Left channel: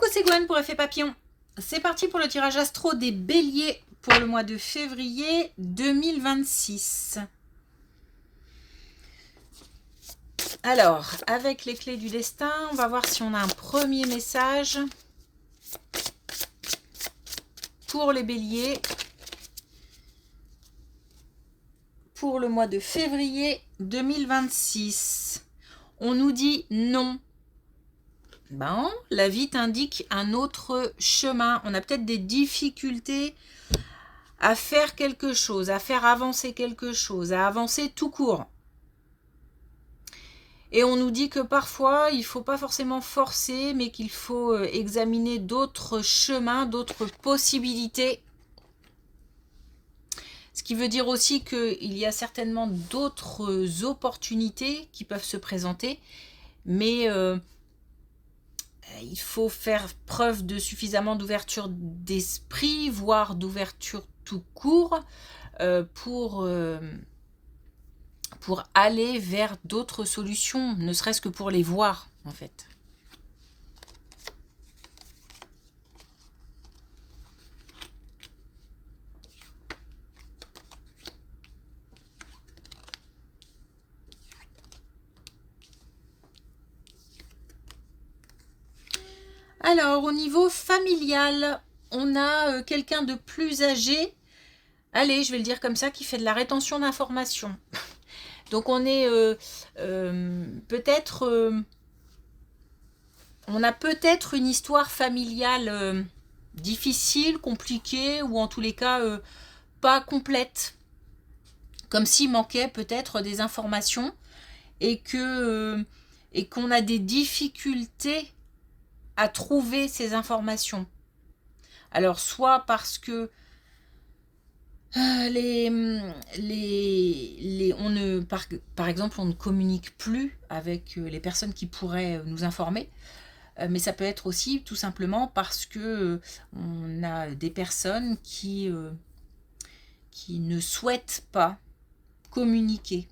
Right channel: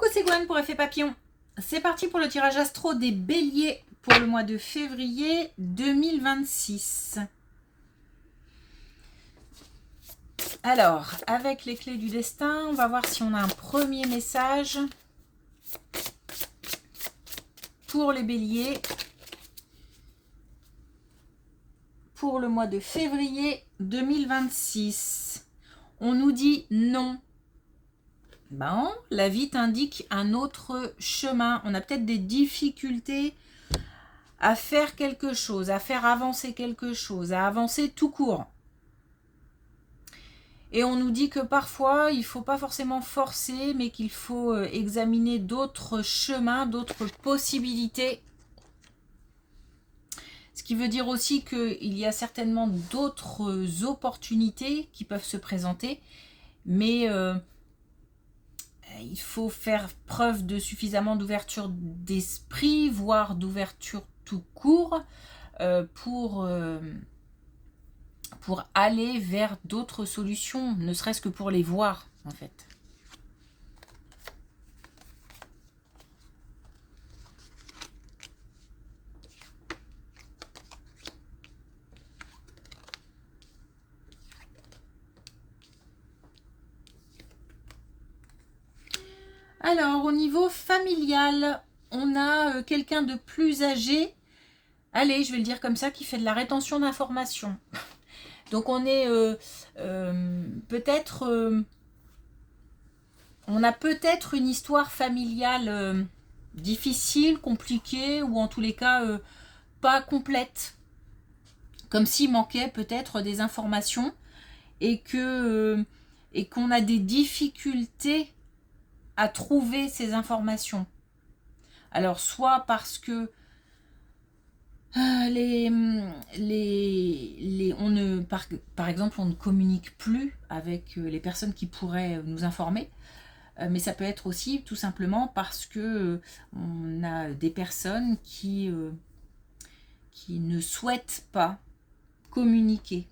Coucou, c'est Gwen pour Effet Papillon. C'est parti pour le tirage astro des béliers pour le mois de février 2026. Alors, avec les clés du destin, on va voir si on a un premier message pour les béliers pour le mois de février 2026. On nous dit non. Ben, la vie t'indique un autre chemin. On a peut-être des difficultés à faire quelque chose, à faire avancer quelque chose, à avancer tout court. Et on nous dit que parfois, il ne faut pas forcément forcer, mais qu'il faut examiner d'autres chemins, d'autres possibilités. Ce qui veut dire aussi qu'il y a certainement d'autres opportunités qui peuvent se présenter, mais il faut faire preuve de suffisamment d'ouverture d'esprit, voire d'ouverture tout court, pour aller vers d'autres solutions, ne serait-ce que pour les voir, en fait. Alors, au niveau familial, on a quelqu'un de plus âgé, allez, je vais le dire comme ça, qui fait de la rétention d'informations. Donc, on est peut-être... on a peut-être une histoire familiale difficile, compliquée, ou en tous les cas, pas complète. Comme s'il manquait peut-être des informations et qu'on a des difficultés à trouver ces informations. Alors, soit parce que par exemple, on ne communique plus avec les personnes qui pourraient nous informer, mais ça peut être aussi tout simplement parce que on a des personnes qui ne souhaitent pas communiquer.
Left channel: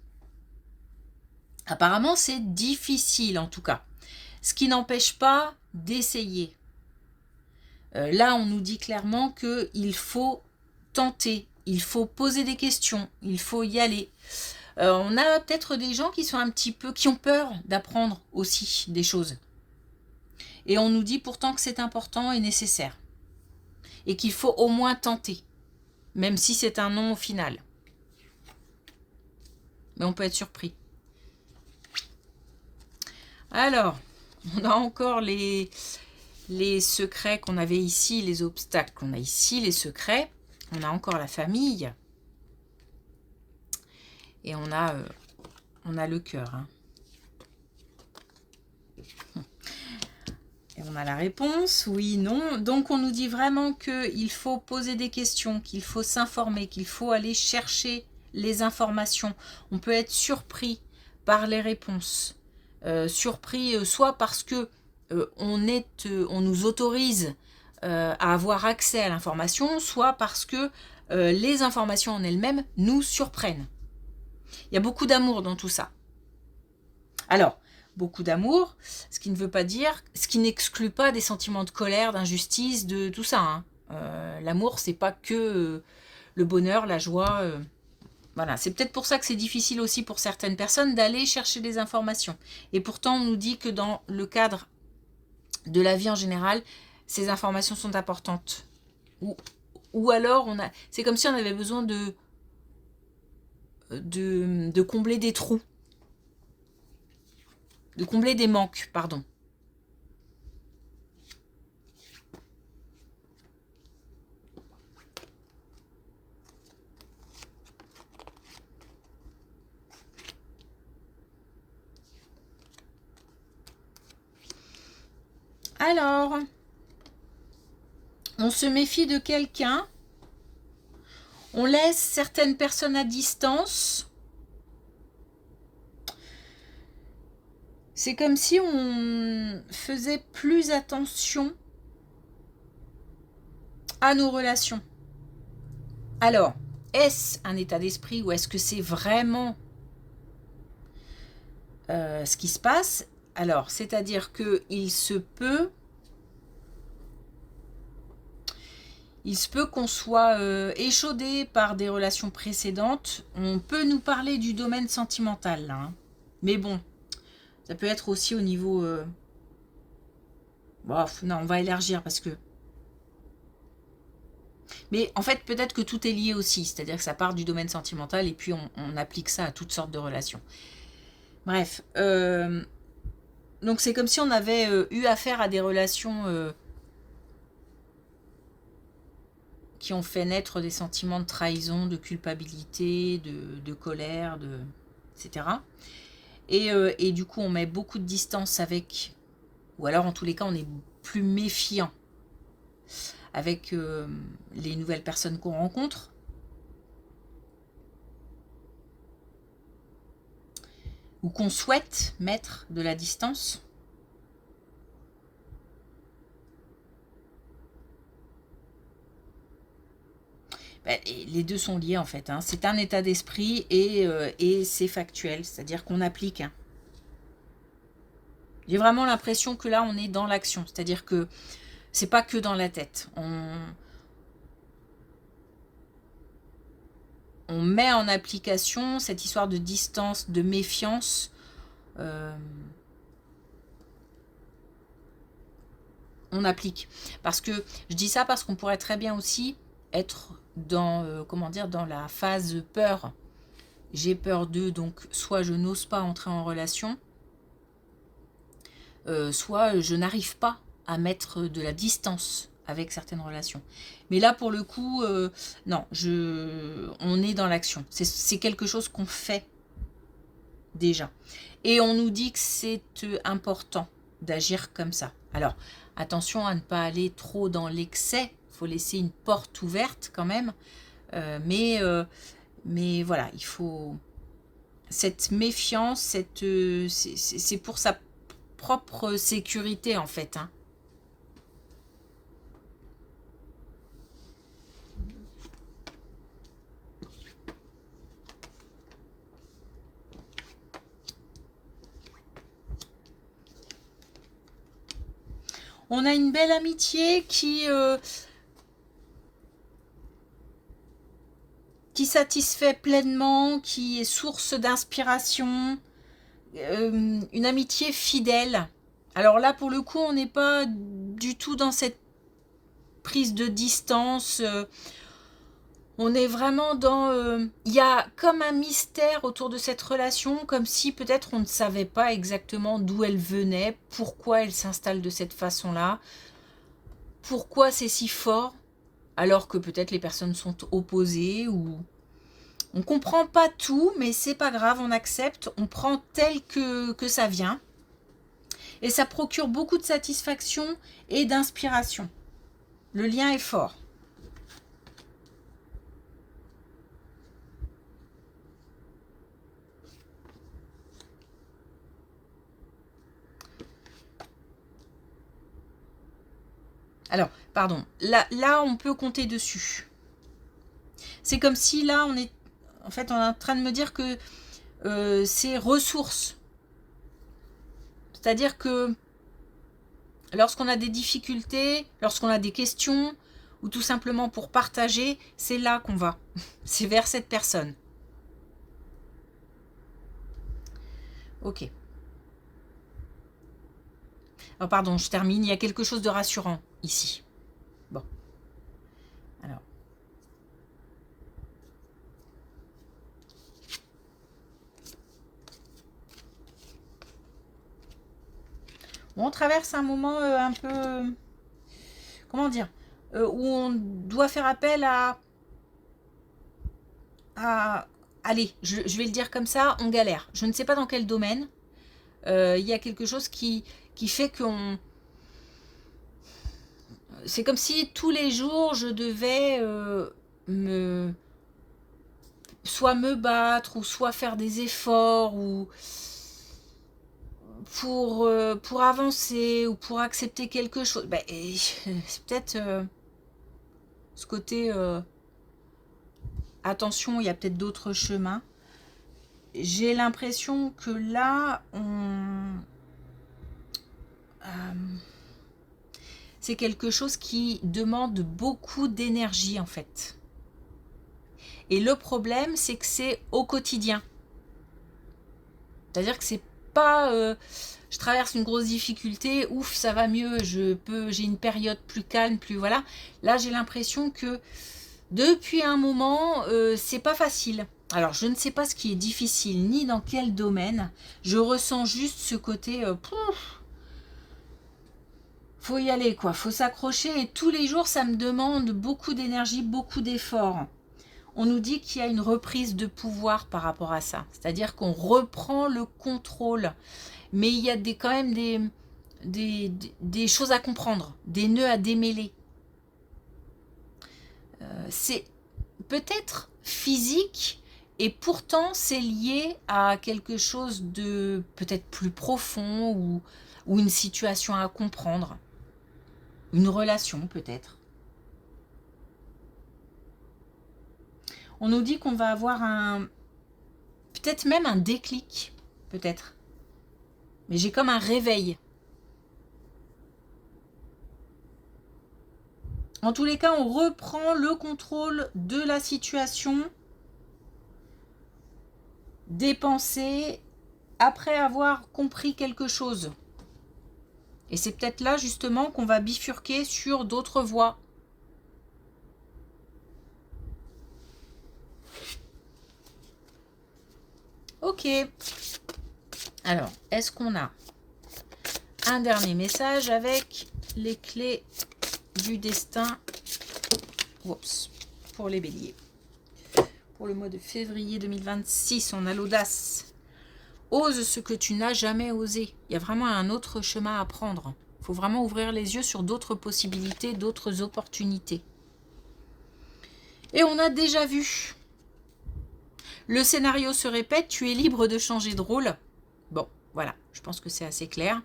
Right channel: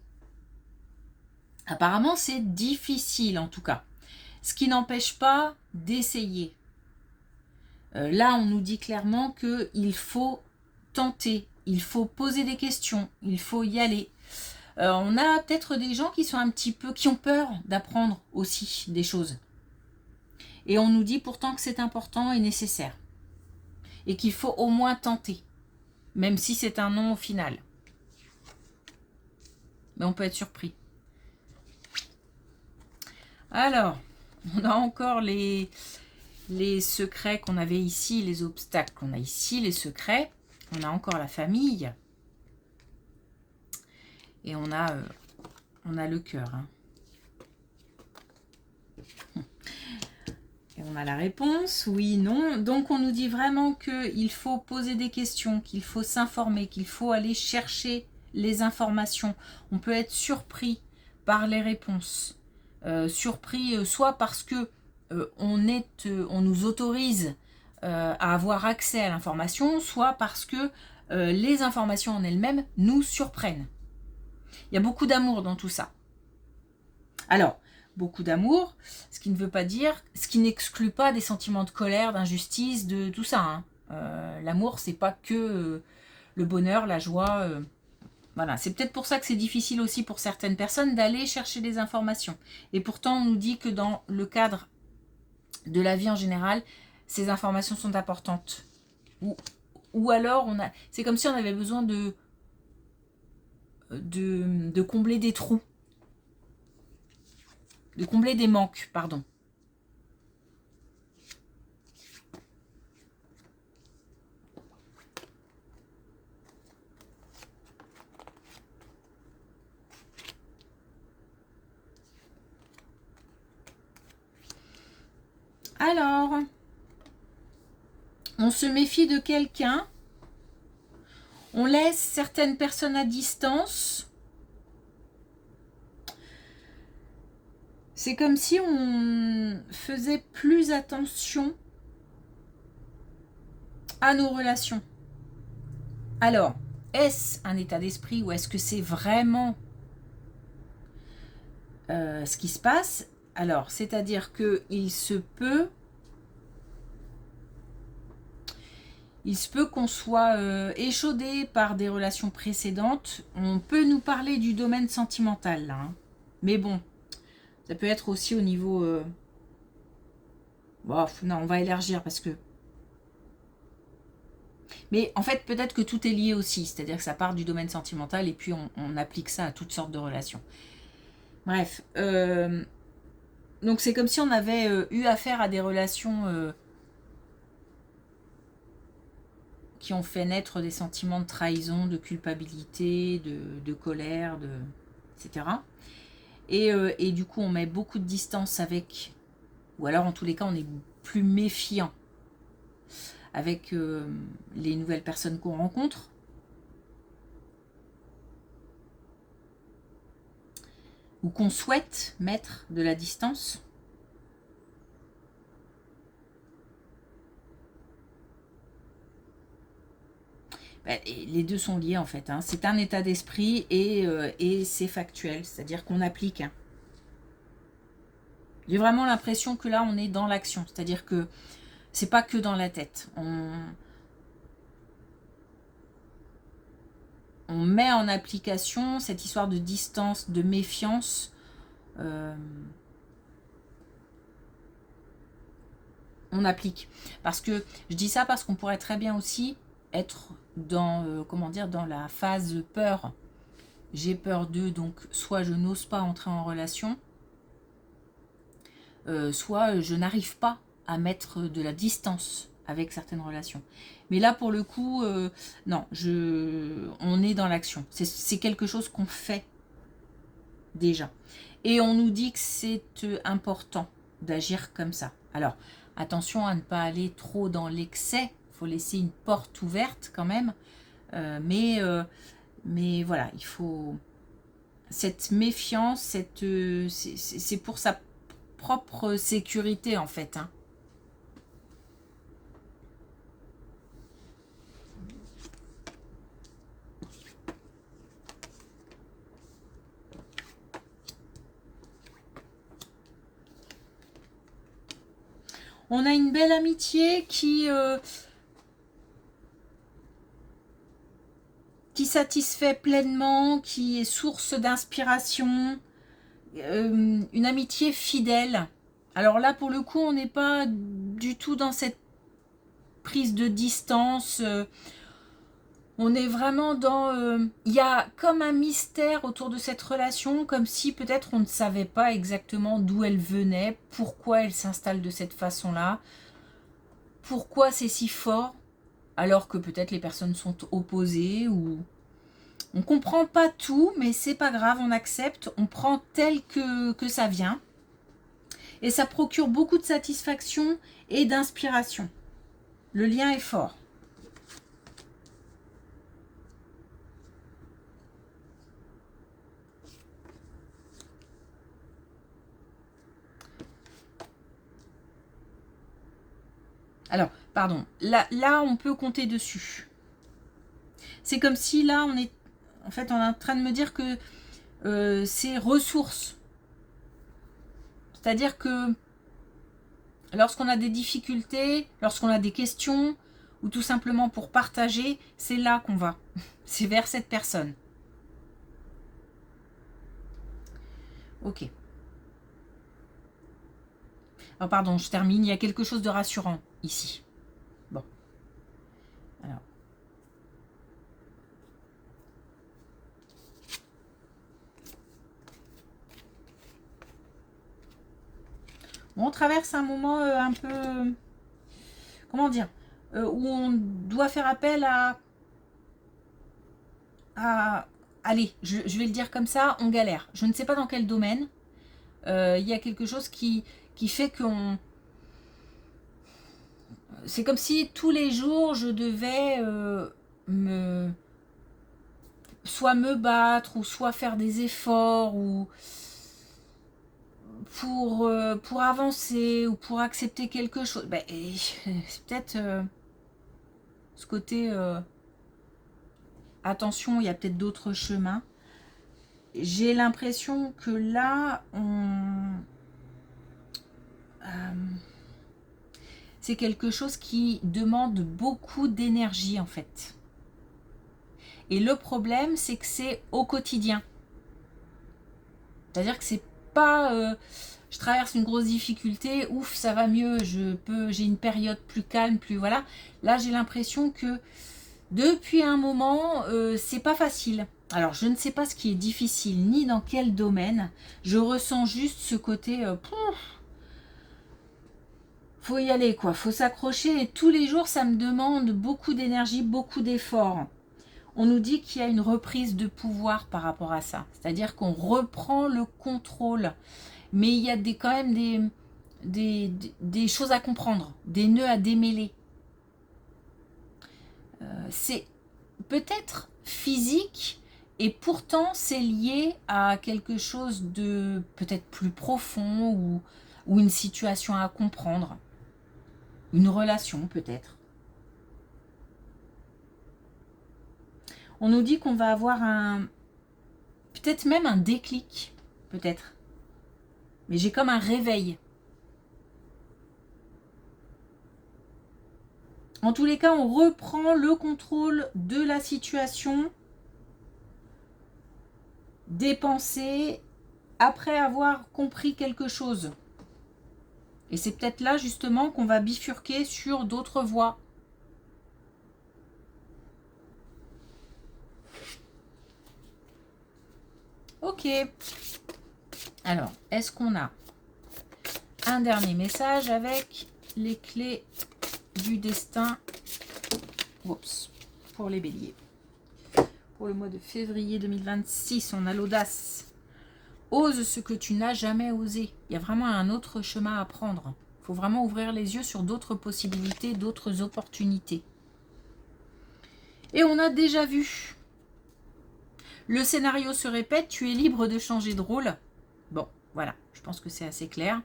Apparemment, c'est difficile en tout cas. Ce qui n'empêche pas d'essayer. Là, on nous dit clairement qu'il faut tenter, il faut poser des questions, il faut y aller. On a peut-être des gens qui sont qui ont peur d'apprendre aussi des choses. Et on nous dit pourtant que c'est important et nécessaire. Et qu'il faut au moins tenter, même si c'est un non au final. Mais on peut être surpris. Alors, on a encore les secrets qu'on avait ici, les obstacles qu'on a ici, les secrets. On a encore la famille. Et on a le cœur. Hein. Et on a la réponse, oui, non. Donc on nous dit vraiment qu'il faut poser des questions, qu'il faut s'informer, qu'il faut aller chercher les informations. On peut être surpris par les réponses. Surpris soit parce que on nous autorise à avoir accès à l'information, soit parce que les informations en elles-mêmes nous surprennent. Il y a beaucoup d'amour dans tout ça. Alors, beaucoup d'amour, ce qui ne veut pas dire, ce qui n'exclut pas des sentiments de colère, d'injustice, de tout ça. Hein. L'amour, c'est pas que le bonheur, la joie. Voilà, c'est peut-être pour ça que c'est difficile aussi pour certaines personnes d'aller chercher des informations. Et pourtant, on nous dit que dans le cadre de la vie en général, ces informations sont importantes. Ou alors, c'est comme si on avait besoin de combler des trous. De combler des manques, pardon. Alors, on se méfie de quelqu'un, on laisse certaines personnes à distance. C'est comme si on faisait plus attention à nos relations. Alors, est-ce un état d'esprit ou est-ce que c'est vraiment ce qui se passe? Alors, c'est-à-dire qu'il se peut Il se peut qu'on soit échaudé par des relations précédentes. On peut nous parler du domaine sentimental, là, hein. Mais bon, ça peut être aussi au niveau... non, on va élargir parce que... Mais en fait, peut-être que tout est lié aussi. C'est-à-dire que ça part du domaine sentimental et puis on applique ça à toutes sortes de relations. Bref. Donc c'est comme si on avait eu affaire à des relations... qui ont fait naître des sentiments de trahison, de culpabilité, de colère, etc. Et du coup, on met beaucoup de distance avec, ou alors en tous les cas, on est plus méfiant avec les nouvelles personnes qu'on rencontre. Ou qu'on souhaite mettre de la distance. Les deux sont liés en fait, hein. C'est un état d'esprit et c'est factuel, c'est-à-dire qu'on applique, hein. J'ai vraiment l'impression que là on est dans l'action, c'est-à-dire que c'est pas que dans la tête. On met en application cette histoire de distance, de méfiance. On applique. Parce que je dis ça parce qu'on pourrait très bien aussi être dans, comment dire, dans la phase peur. J'ai peur d'eux, donc soit je n'ose pas entrer en relation, soit je n'arrive pas à mettre de la distance avec certaines relations. Mais là, pour le coup, non, on est dans l'action. C'est quelque chose qu'on fait déjà. Et on nous dit que c'est important d'agir comme ça. Alors, attention à ne pas aller trop dans l'excès. Il faut laisser une porte ouverte quand même. Mais voilà, il faut... Cette méfiance, c'est pour sa propre sécurité en fait, hein. On a une belle amitié qui satisfait pleinement, qui est source d'inspiration, une amitié fidèle. Alors là, pour le coup, on n'est pas du tout dans cette prise de distance. On est vraiment dans... Il y a comme un mystère autour de cette relation, comme si peut-être on ne savait pas exactement d'où elle venait, pourquoi elle s'installe de cette façon-là, pourquoi c'est si fort, alors que peut-être les personnes sont opposées ou... On comprend pas tout, mais c'est pas grave, on accepte, on prend tel que ça vient. Et ça procure beaucoup de satisfaction et d'inspiration. Le lien est fort. Alors, pardon, là on peut compter dessus. C'est comme si là on est en train de me dire que c'est ressources. C'est-à-dire que lorsqu'on a des difficultés, lorsqu'on a des questions, ou tout simplement pour partager, c'est là qu'on va. C'est vers cette personne. Ok. Oh, pardon, je termine. Il y a quelque chose de rassurant ici. Bon. Alors. Bon, on traverse un moment un peu... Comment dire où on doit faire appel allez, je vais le dire comme ça, on galère. Je ne sais pas dans quel domaine. Il y a quelque chose qui fait qu'on... C'est comme si tous les jours, je devais me... soit me battre, ou soit faire des efforts, ou pour avancer, ou pour accepter quelque chose. Ben, c'est peut-être ce côté... attention, il y a peut-être d'autres chemins. J'ai l'impression que là, c'est quelque chose qui demande beaucoup d'énergie en fait. Et le problème, c'est que c'est au quotidien. C'est-à-dire que c'est pas je traverse une grosse difficulté, ouf, ça va mieux, j'ai une période plus calme, plus voilà. Là, j'ai l'impression que depuis un moment, c'est pas facile. Alors, je ne sais pas ce qui est difficile, ni dans quel domaine. Je ressens juste ce côté, faut y aller, quoi. Faut s'accrocher. Et tous les jours, ça me demande beaucoup d'énergie, beaucoup d'efforts. On nous dit qu'il y a une reprise de pouvoir par rapport à ça. C'est-à-dire qu'on reprend le contrôle. Mais il y a quand même des choses à comprendre, des nœuds à démêler. C'est peut-être physique et pourtant c'est lié à quelque chose de peut-être plus profond ou une situation à comprendre. Une relation peut-être. On nous dit qu'on va avoir peut-être même un déclic, peut-être. Mais j'ai comme un réveil. En tous les cas, on reprend le contrôle de la situation, des pensées, après avoir compris quelque chose. Et c'est peut-être là justement qu'on va bifurquer sur d'autres voies. Ok. Alors, est-ce qu'on a un dernier message avec les clés du destin? Oups, pour les béliers. Pour le mois de février 2026, on a l'audace. Ose ce que tu n'as jamais osé. Il y a vraiment un autre chemin à prendre. Il faut vraiment ouvrir les yeux sur d'autres possibilités, d'autres opportunités. Et on a déjà vu. Le scénario se répète, tu es libre de changer de rôle. Bon, voilà, je pense que c'est assez clair.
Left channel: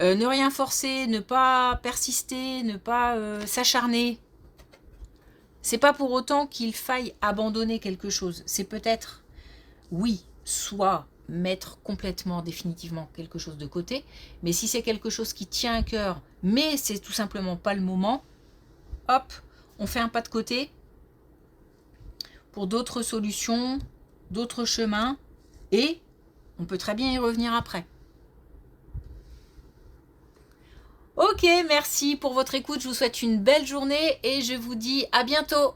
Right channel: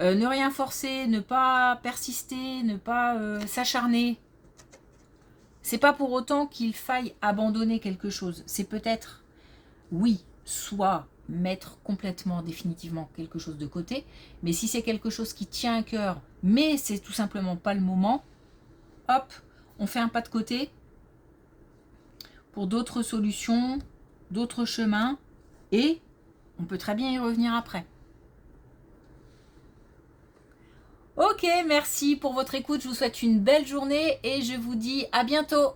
Ne rien forcer, ne pas persister, ne pas s'acharner. C'est pas pour autant qu'il faille abandonner quelque chose. C'est peut-être, oui, soit mettre complètement, définitivement quelque chose de côté, mais si c'est quelque chose qui tient à cœur, mais c'est tout simplement pas le moment, hop, on fait un pas de côté pour d'autres solutions, d'autres chemins, et on peut très bien y revenir après. Ok, merci pour votre écoute, je vous souhaite une belle journée et je vous dis à bientôt.